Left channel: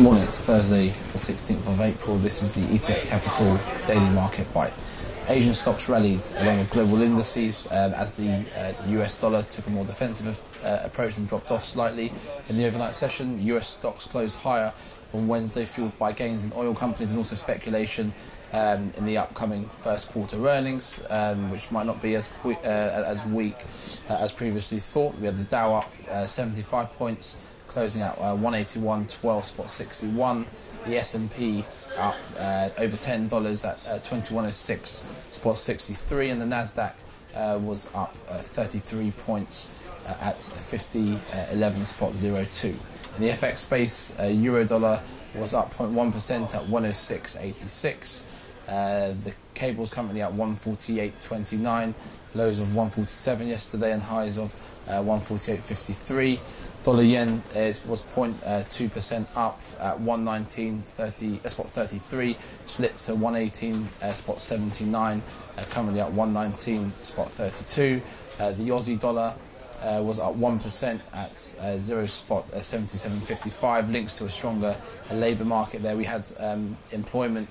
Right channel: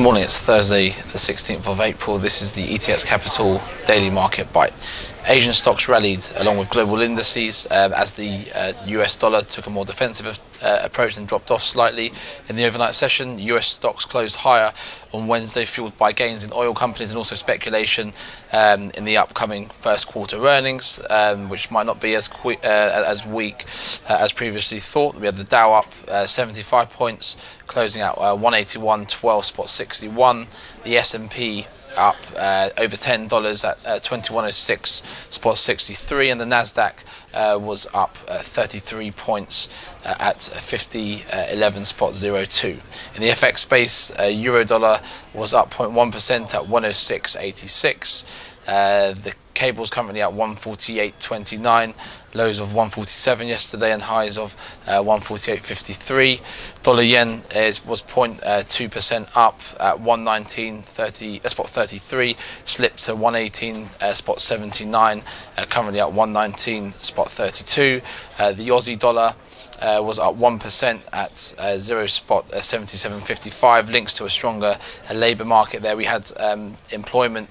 Good morning, it's Thursday the 16th of April. This is the ETX Capital Daily Market Bite. Asian stocks rallied along with global indices as the US dollar took a more defensive approach and dropped off slightly in the overnight session. US stocks closed higher on Wednesday, fueled by gains in oil companies and also speculation in the upcoming first quarter earnings, which might not be as weak as previously thought. We had the Dow up 75 points, closing out 181.12.61. The S&P up over $10 at 2106.63, and the Nasdaq was up 33 points at 5011.02. In the FX space, euro dollar was up 0.1% at 106.86. The cable's currently at 148.29, lows of 147 yesterday and highs of 148.53. Dollar yen was 0.2% up at 119.33, slipped to 118.79, currently at 119.32. The Aussie dollar was up 1% at 0.7755, links to a stronger labour market there. We had employment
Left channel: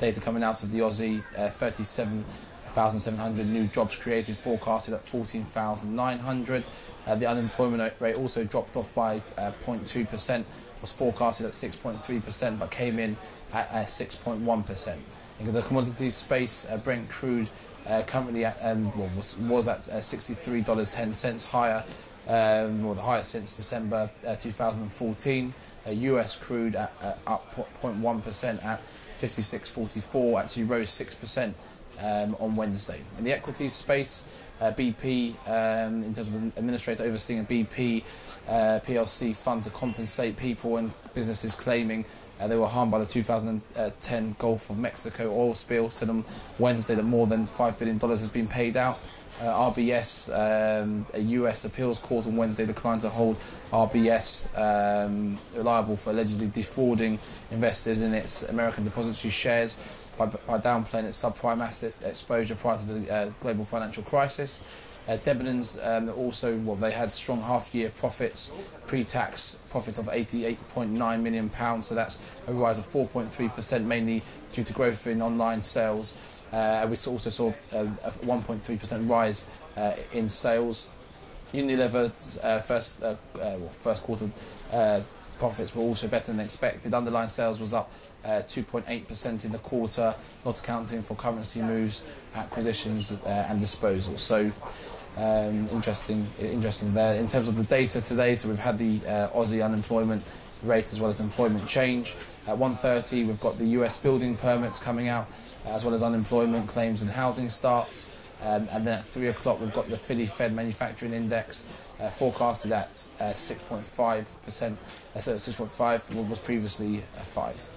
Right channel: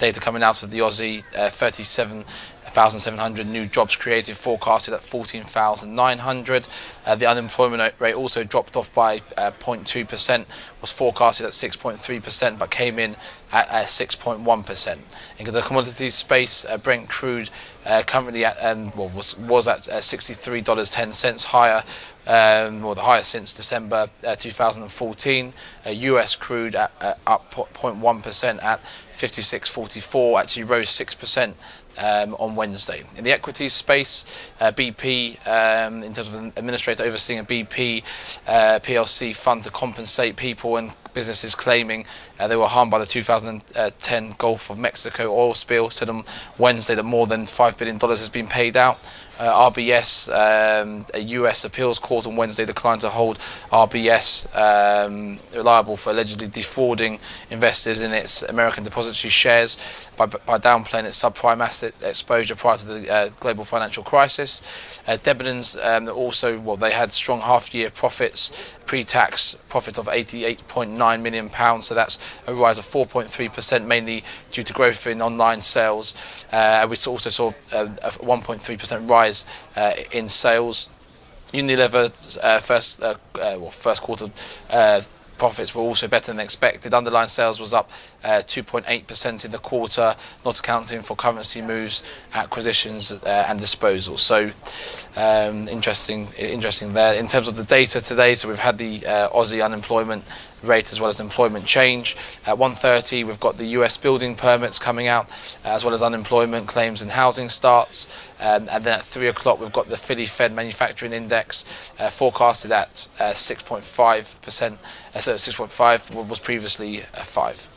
data coming out of the Aussie, 37,700 new jobs created, forecasted at 14,900. The unemployment rate also dropped off by 0.2%, was forecasted at 6.3%, but came in at 6.1%. In the commodities space, Brent Crude currently at was at $63.10 higher, or the highest since December 2014. US crude up 0.1% at 56.44, actually rose 6% on Wednesday. In the equities space, BP, in terms of an administrator overseeing a BP PLC fund to compensate people and businesses claiming they were harmed by the 2010 Gulf of Mexico oil spill, said on Wednesday that more than $5 billion has been paid out. RBS, a US appeals court on Wednesday, declined to hold RBS liable for allegedly defrauding investors in its American depository shares by downplaying its subprime asset exposure prior to the global financial crisis. Debenhams also, they had strong half-year profits, pre-tax profit of £88.9 million, so that's a rise of 4.3%, mainly due to growth in online sales. We also saw a 1.3% rise in sales. Unilever's first quarter profits were also better than expected. Underlying sales was up 2.8% in the quarter, not accounting for currency moves, acquisitions and disposals. So interesting there. In terms of the data today, so we've had the Aussie unemployment rate as well as employment change. At 1:30 we've got the US building permits coming out, as well as unemployment claims and housing starts, and then at 3 o'clock we've got the Philly Fed manufacturing index forecasted at 6.5%, so 6.5 was previously 5.